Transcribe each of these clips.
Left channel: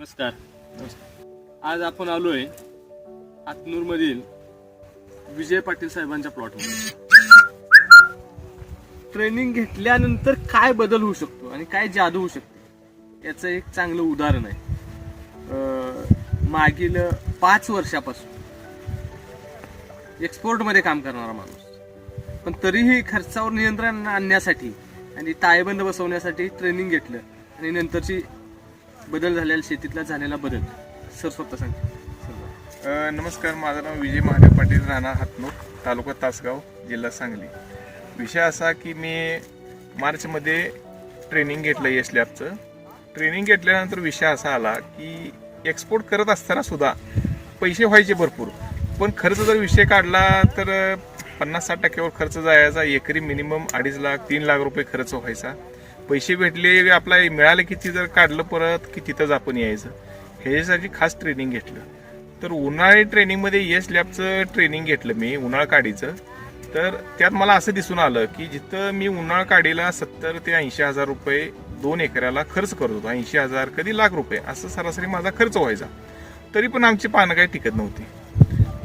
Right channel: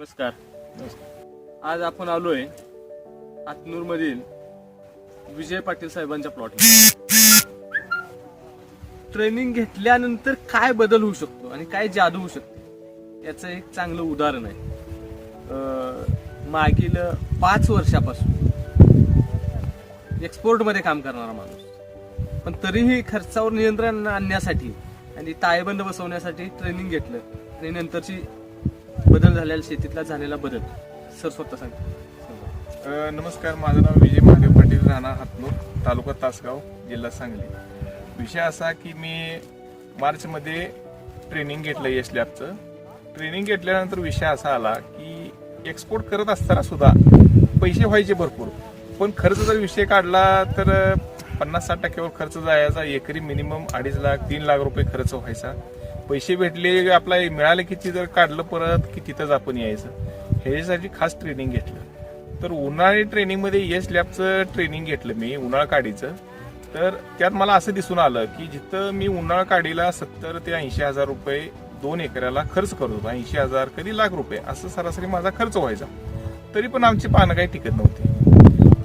नमस्कार. आज आपण आलो आहे मधील विजय पाटील साहेबांच्या प्लॉट ट्रेनिंग घेतल्यानंतर काय बदल होऊ शकतो आणि काय जादू होऊ शकते याचं एक चांगलं उदाहरण आहे. मागील पाच वर्षापासून एक्सपोर्टमध्ये काम करणारा माणूस. पण तरीही खर्चावर नियंत्रण आणण्यासाठी आणि ताळेबंद बसवण्यासाठी ट्रेनिंग घेतलं आणि नंतरची बदल झालेला शेतीतला झालेला बदल. सर स्वतः सांग. अ, नमस्कार माझं नाव विजय महादेव पाटील राणा हातनूर तालुका तासगाव जिल्हा सांगली. विषय असा की मी मार्चमध्ये ट्रेनिंग घेतलं येस लॅबचं. ट्रेनिंग घेतल्यानंतर विषय असा आला की एक्सपोर्ट करत असताना सुद्धा पैसे व्हायचे भरपूर. पण खर्च जर विषय काढला तर पन्नास साठ टक्क्यावर खर्च जायचा एकरी मिनिमम अडीच लाख तीन लाख रुपये खर्च व्हायचा. पैसे भेटले आपला मिळाले किती जर काढलं परत की तिथंच आपण यायचं. ह्याच्यासाठी खास ट्रेनिंग घेतलं. तर उन्हाळी ट्रेनिंगमध्ये यश लॅबचं ट्रेनिंग घेतलं मी उन्हाळ काडीचं तर त्यात मला असं दिसून आलं की जिथं मी उन्हाळ काडीला सत्तर ते ऐंशी हजार रुपये दोन एकराला खर्च करत होतो ऐंशी हजार कधी लाख रुपये असं सरासरी माझा खर्च व्हायचा. तरी पण आमची पानं काही टिकत नव्हती.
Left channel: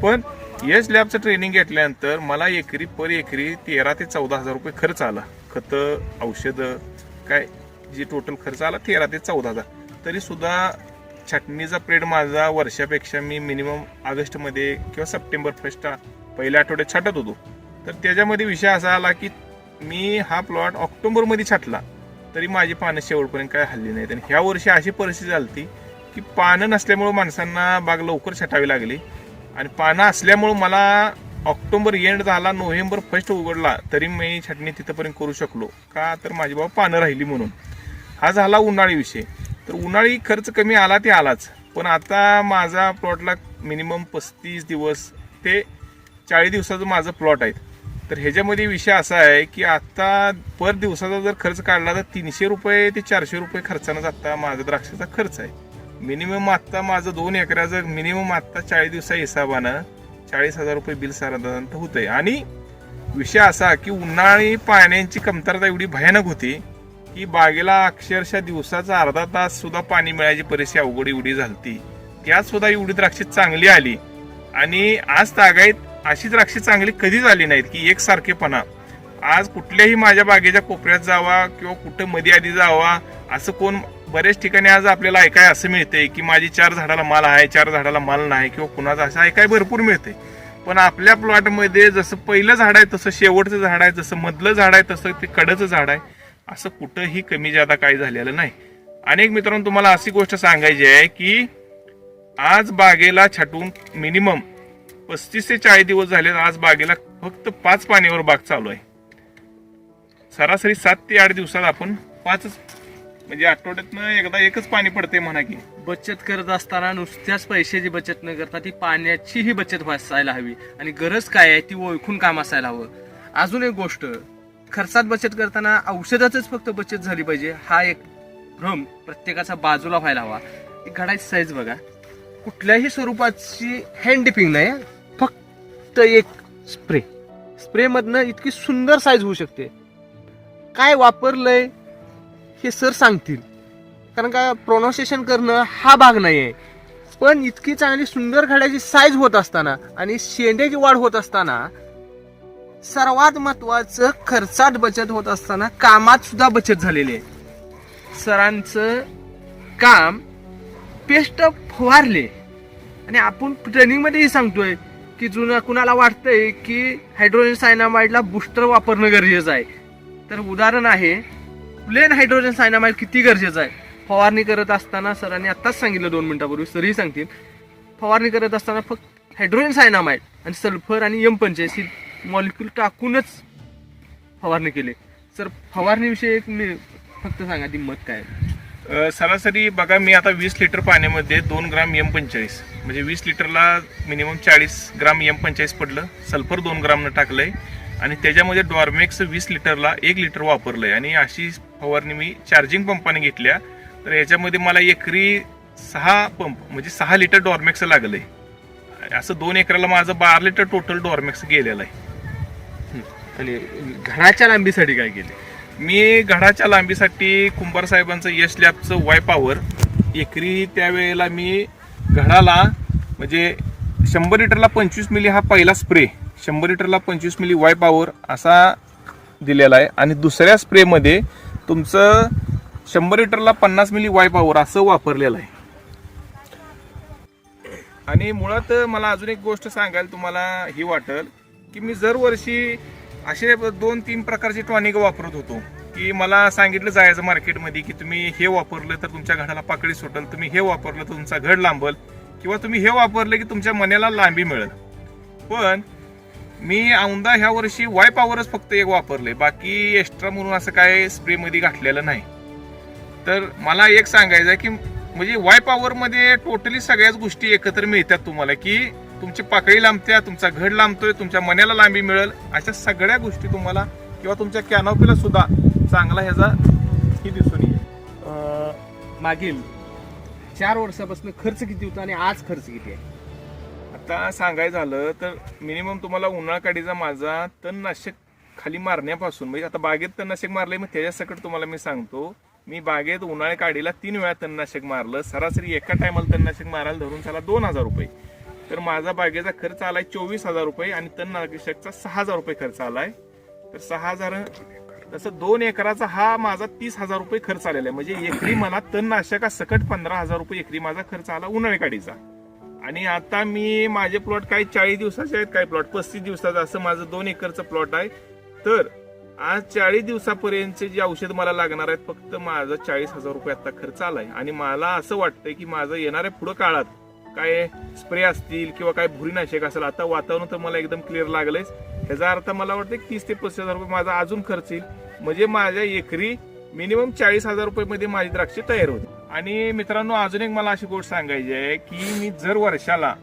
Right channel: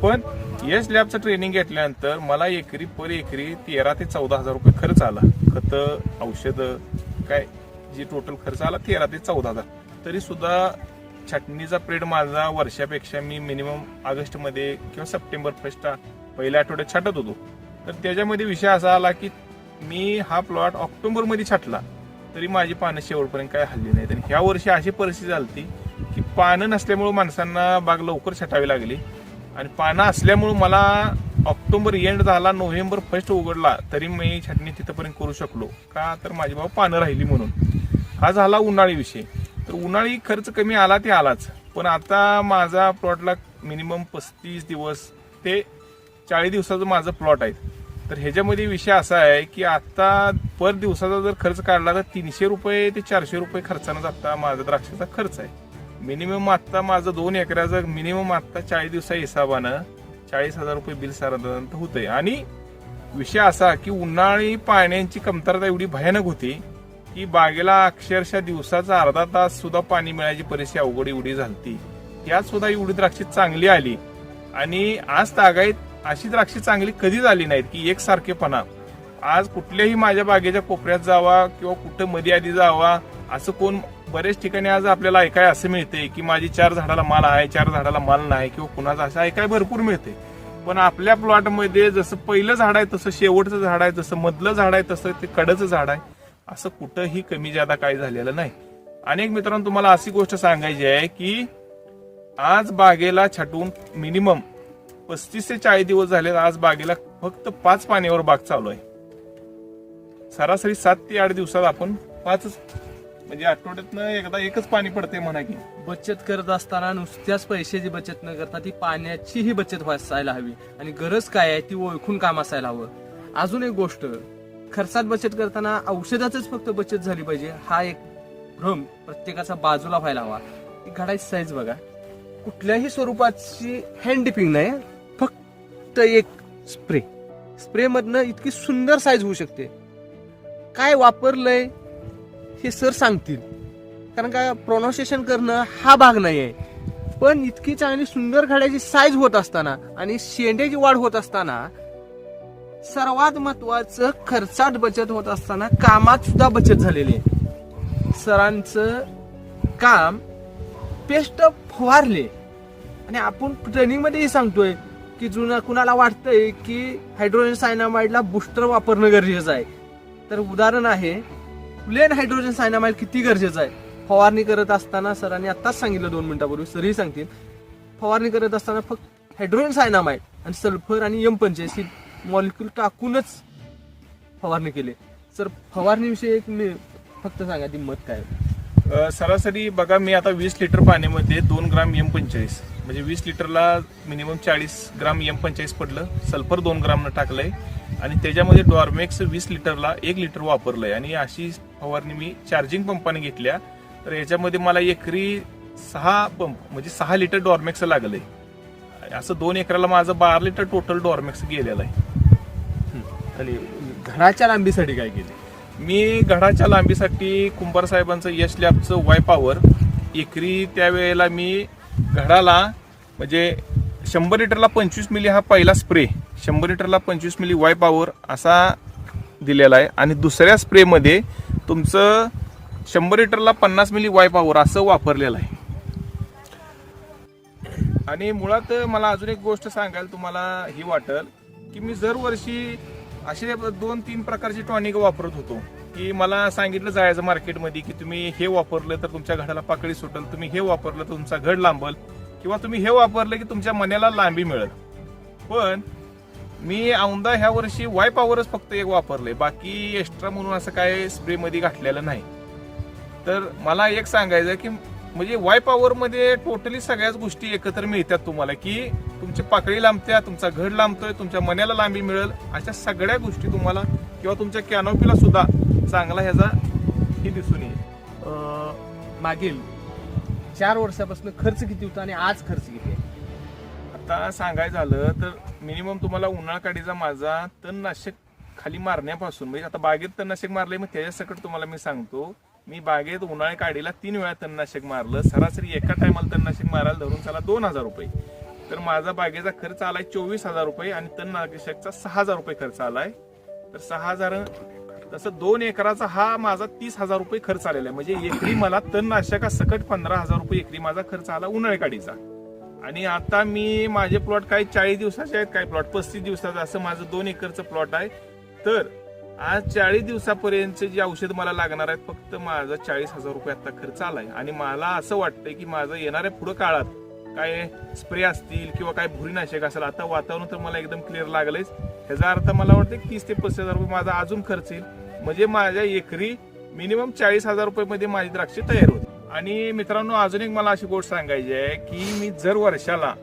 पण यश लॅबचं ट्रेनिंग घेतल्यानंतर मला एकरी पर एकरी तेरा ते चौदा हजार रुपये खर्च आला. खतं औषधं काय जे टोटल खर्च आला तेरा ते चौदा हजार. तरी छटणीचा पिरियड माझा वर्षापेक्षा मी मिनिमम ऑगस्टमध्ये किंवा सप्टेंबर फर्स्ट पहिल्या आठवड्यात छाटत होतो. तर त्याच्यामध्ये विषय असा आला की मी हा प्लॉट ऑक्टोबरमध्ये छाटला. तरी माझी पानं शेवटपर्यंत काय हल्ली नाहीत. आणि ह्या वर्षी अशी परिस्थिती झाली की पानं नसल्यामुळं माणसांना बाग लवकर छटावी लागली. आणि पानं असल्यामुळं मला ऑक्टोबर एंड झाला नोव्हेंबर फर्स्ट उघडला तरी मी छाटणी तिथंपर्यंत करू शकलो. का तर माझी बाबा पानं राहिली म्हणून. हा झाला उन्हाळी विषय. तर उन्हाळी खर्च कमी आला ते आलाच. पण आता माझा प्लॉटला मिनिमम पस्तीस दिवस ते चाळीस दिवसाचं माझं प्लॉट आहे तर ह्याच्यामध्ये विषय असा आहे की आता पर दिवसाचा जर खर्च काढला तर तीनशे रुपये ते चारशे रुपये खर्चानंच आता माझा द्राक्षाचा खर्च आहे. मिनिमम आत्ता माझं दोन एकराचं मिनिमम आत्ता चाळीस दिवसा हिसाबानं चाळीस हजार रुपये बिल साधारणतः होतंय आणि विषय असा की उन्हाळी पाण्याची कमतरता एवढी भयानक होती की बागेला अक्षरशः दिवसाचा अर्धा तास सुद्धा पाणी मिळायची परिस्थिती अवघड एवढी झालती. त्यात सुद्धा एवढी द्राक्षे चांगली आली. आणि आज तागायत अशी द्राक्षे चांगली कधीच आली नाहीत की एकसारखेपणा. आज कुठल्याही माझ्या बागेच्या कोपऱ्यात जावा किंवा कुठं मध्ये आधी जावा असं कोण बऱ्याच ठिकाणी आज आपल्याला ऐकाय असं मिळते की माझी चार झाडाला माल आहे चार झाडाला माल नाही किंवा कुणाचा असं ऐकाय भरपूर मिळते पण आपल्या प्लॉटमध्ये जसं पहिलं झाड आहे तसं शेवटचं झाड आहे जसं मधलं झाड आहे तसं ते कडचं झाड आहे. असं कुठंही कमी जादा काही झालेलं नाही. अनेक मित्रांनो तुम्हाला अशी गोष्ट सांगायची आहे की आज बागेला छाटून मिनिमम पस्तीस ते चाळीस दिवस झाले आज बागेला फक्त पाच पाण्यावर बाग चालू आहे. सरासरी सात ते आठ दिवसात आपण पाचच म्हणजे आठवड्यातनं एकदा एकच पाणी पडते म्हणा की. बचत करत असताना नुसत्याच पैशाची बचत न करता ती पाण्याचीही बचत असायला हवी. आणि गरज काय आहे ती ओळखून काम असायला हवं. अजून एक गोष्ट खर्चात बचत करताना औषधाचीच फक्त बचत झाली पाहिजे. हा एक भ्रम प्रत्येकाचा बाजूला व्हायला हवा. एक घडायची साईज बघा. कुठल्याही स्वरूपाची हँड डिपिंग नाही फक्त एक स्प्रे. स्प्रेमधनं इतकी सुंदर साईज होऊ शकते. काय वापरलंय हे सर सांगतील. कारण का प्रोनाऊन्सिएशन करणं हा भाग नाही आहे पण इतकी चांगली सुंदर घड्याची साईज होत असताना आणि शेंड्याची वाढ होत असताना सर्वात महत्वाचं खर्चात बचत होत असताना कामात सुद्धा बचत झालेली आहे. सरांचं काम पेस्ट फवारले. आणि आपण ट्रेनिंगमध्येही सांगतोय की जुनं कुणाला वाटतंय की हायड्रोजन सायनामाइडला बुस्टर वापरणं गरजेचं आहे. तर उदाहरण आहे प्लेन हायड्रोजन सायनामाइड किती गरजेचं आहे? फवारणी करत असताना सरांनी आत्ताच सांगितलं दोन मिनिटापूर्वी सरही सांगतील. फवारणी करत असताना फक्त हायड्रोजन सायनामाइड आणि सल्फर आणि यम पंच्याऐंशी मॉलिक्यूल टाकूनच फवारणी केली. सर फवारणीविषयी एक मी फक्त सांगा ती मत काय आहे? सरासरी बघा मी आता वीस लिटर पाण्यामध्ये दोन ग्राम यम पंचेचाळीस म्हणजे वीस लिटरला मिनिमम चाळीस ग्राम एम पंचेचाळीस पडलं. सल्फर दोन ग्रामनं टाकलंय. आणि त्याच्यामध्ये डॉर्मेक्स वीस लिटरला एक लिटर वापरलंय. आणि अशी फवारणी मी चार्जिंग पंपाने घेतल्या. तर याच्यामध्ये मला एकरी सहा पंप म्हणजे सहा लिटर डॉर्मेक्स लागलंय. असं दोन एकराला माझं बारा लिटर टोटल डॉर्मेक्स गेलेलं आहे. आणि घराच्या लांबीसाठी काय केले? मी घडाच्या लांबीसाठी कुंभार साहेबांचं यश लॅबचं वाय पॉवर एकरी त्यावेळेला मी घडाला म्हणजे शंभर लिटरला पंचवीस मिली हा पहिला स्प्रे शंभर लिटरला पंचवीस मिली वाय पावर असा दिलेला आहे. आणि दुसऱ्या स्प्रेमध्ये तुमचं शंभर लिटरला पन्नास मिली वाय पावर असं वापरलेलं आहे. आणि मुळात मला अजून एक गोष्ट सांगायला तुम्हाला ही वाटेल की मी दरवर्षी असे दोन तीन प्रकारची टॉनिक वापरत होतो. की मला सांगितलं जायचं मार्केटमध्ये की तुम्ही हे वापरलं तर तुमच्या घडाला पाकळी सुटेल तुम्ही हे वापरलं तर तुमचा घड लांबल किंवा तुम्ही हे वापरलं की तुमच्या मनाला लांबी मिळेल. पण मी औंदा ह्या वर्षी वाय पॉवरच फक्त एक वापरले बाकी एक्स्ट्रा म्हणून असं काय स्प्रेमध्ये घातलेलं नाही. तर मला एक सांगायचं आहे की म्हणजे वाय पॉवरमध्ये टोटली सगळ्याच गोष्टी एकत्र मिळतात तुम्हाला की तुमची पाकळी लांबत्या तुमचा घड लांबतोय तुमच्या मनाला लांबी मिळेल अशा सगळ्या गोष्टी तुम्हाला किंवा तुमच्या कॅनॉपीला सुद्धा चांगला ह्याचा ही दिसून येईल. मागील चार वर्षापासून खर्च किती होता आणि आज खर्च किती आहे? आता सांगायचं झालं तर मिनिमम तुम्हाला उन्हाळा काडीचा माझा तणनाशक खाली मारण्यापासून म्हणजे आता बागेत तणनाशक मारले मग त्याच्यासकट तुम्हाला मी सांगतो. मी बागेत उन्हाळ्या काडीला तीन वेळा तणनाशक मारलं. सरासरी एका टायमाला तणनाशक मारायला धरून त्याला दोन हजार रुपये. तर माझा बागेचा खर्च आलाय चोवीस हजार रुपये आणि तणनाशकचा सहा हजार रुपये खर्च आलाय. तर सहा हजार तसं दोन एकराचा हा माझा तीस हजार रुपये खर्च आलेला आहे. म्हणजे एकरी मला तणनाशका सकट पंधरा हजार रुपये एकरी माझा खर्च आला उन्हाळी काडीचा आणि आता मी माझे प्लॉट काही चाळीस दिवसाचे आहेत काही प्लॉट पस्तीस दिवसाचं असं माझं दोन एकरचं प्लॉट आहे. तर आज चाळीस दिवसापर्यंतचे जे औषध मला लागणार आहेत फक्त माझा चाळीस हजार रुपये आता खर्च आलाय. आणि मला असं वाटतंय की माझं येणाऱ्या पुढं काळात काय स्प्रे असतील किंवा काय भुरीनाशक असेल आता वातावरण तर मला एकदम क्लिअर लागलंयच. ह्याचा अर्थ मला वाटतं तीस ते पस्तीस हजार रुपये माझा अजून खर्च येईल. म्हणजे माझ्या एकरी मिनिमम चाळीस हजार रुपयेमध्ये माझी द्राक्षे तयार होते आणि मित्रांनो अजून एक मला अशी गोष्ट सांगायची आहे की मी जर वर्षाला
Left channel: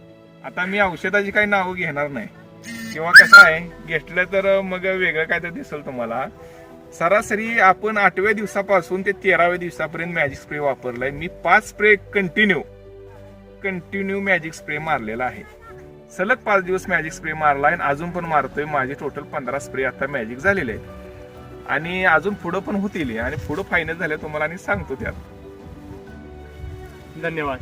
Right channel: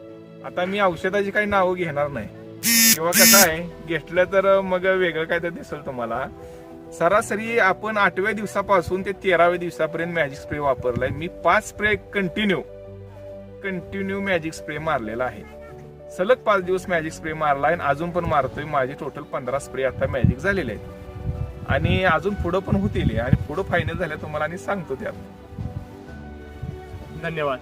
आता मी औषधाची काही नावं घेणार नाही. किंवा कसं आहे घेतलं तर मग वेगळं काय तर दिसेल तुम्हाला. सरासरी आपण आठव्या दिवसापासून ते तेराव्या दिवसापर्यंत मॅजिक स्प्रे वापरलाय. मी पाच spray continue continue magic spray मारलेला आहे. सलग पाच दिवस मॅजिक स्प्रे मारला आणि अजून पण मारतोय. माझे टोटल पंधरा स्प्रे आता मॅजिक झालेले आहेत. आणि अजून पुढं पण होतील. आणि पुढं फायनल झाल्या तुम्हाला आणि सांगतो त्यात. धन्यवाद.